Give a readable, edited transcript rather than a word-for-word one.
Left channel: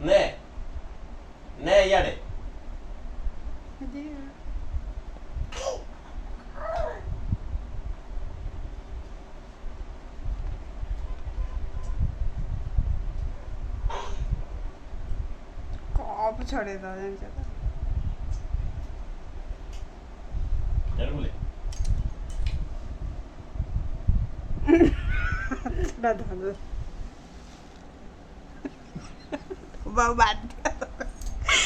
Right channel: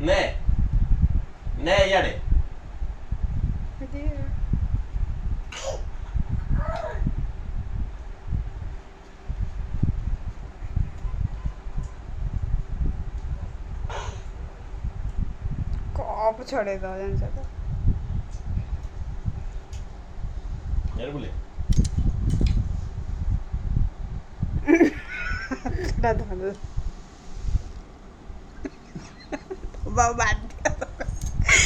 ନେ ନେ ଇଆଡ଼େ कप छड़े दो जान से तो इआଡ଼େ ବୁଲେ छड़ा दो बाबा